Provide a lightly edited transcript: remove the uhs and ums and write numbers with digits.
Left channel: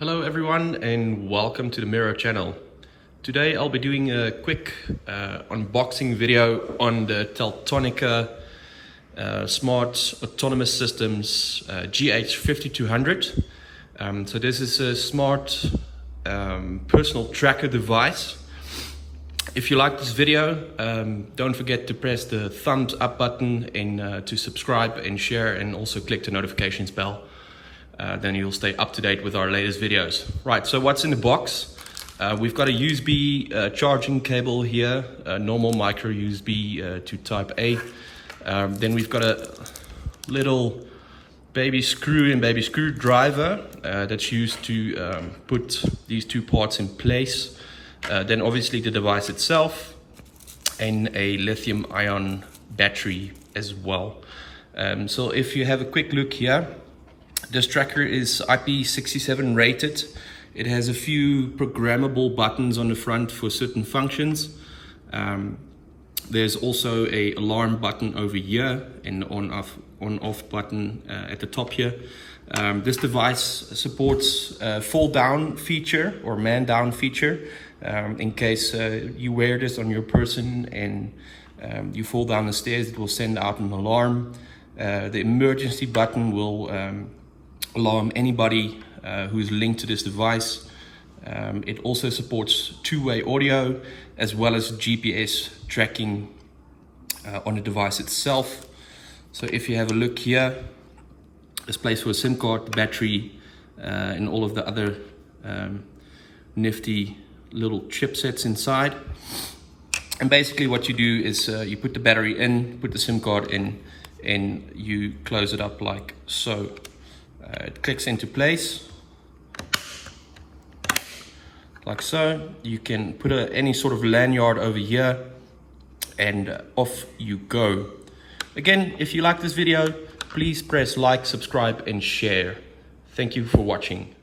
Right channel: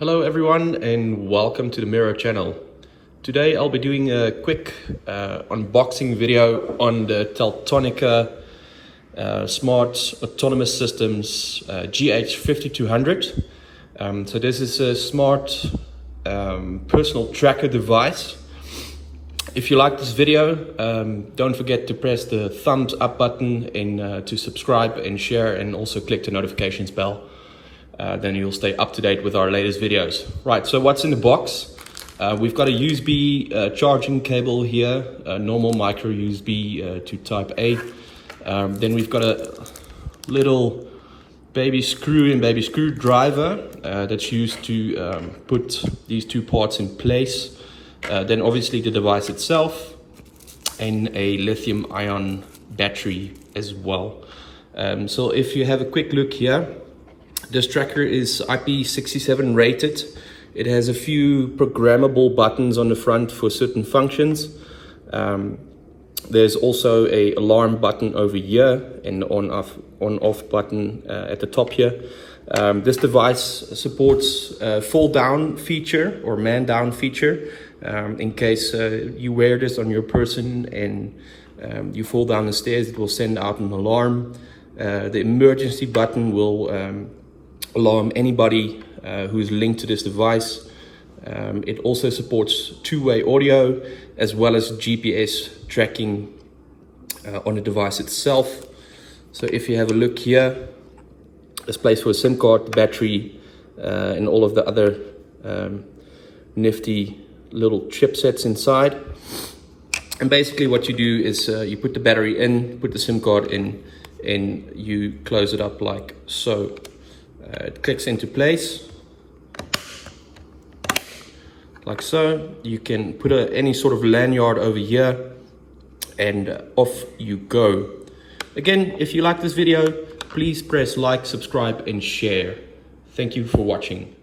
Hello everyone and welcome to the Miro channel. Today I'll be doing a quick unboxing video on the Teltonika Smart Autonomous Systems GH5200. So this is a smart personal tracker device. If you like this video, don't forget to press the thumbs up button and to subscribe and share, and also click the notifications bell. Then you'll stay up to date with our latest videos. Right, so what's in the box? We've got a USB charging cable here, a normal micro USB to type A. Then we've got a little baby screw and baby screwdriver that's used to put these two parts in place. Then obviously the device itself and a lithium ion battery as well. So if you have a quick look here, this tracker is IP67 rated. It has a few programmable buttons on the front for certain functions. There's also an alarm button over here and on-off button at the top here. This device supports a fall down feature or man down feature. In case you wear this on your person and you fall down the stairs, it will send out an alarm. The emergency button will alarm anybody who's linked to this device. It also supports two-way audio as well as GPS tracking on the device itself. So if you have a look here, there's place for a SIM card, the battery, and all of the other nifty little chipsets inside. And basically what you do is you put the battery in, put the SIM card in, and you close it up like so. It clicks into place like so. You can put any sort of lanyard over here and off you go. Again, if you like this video, please press like, subscribe and share. Thank you for watching.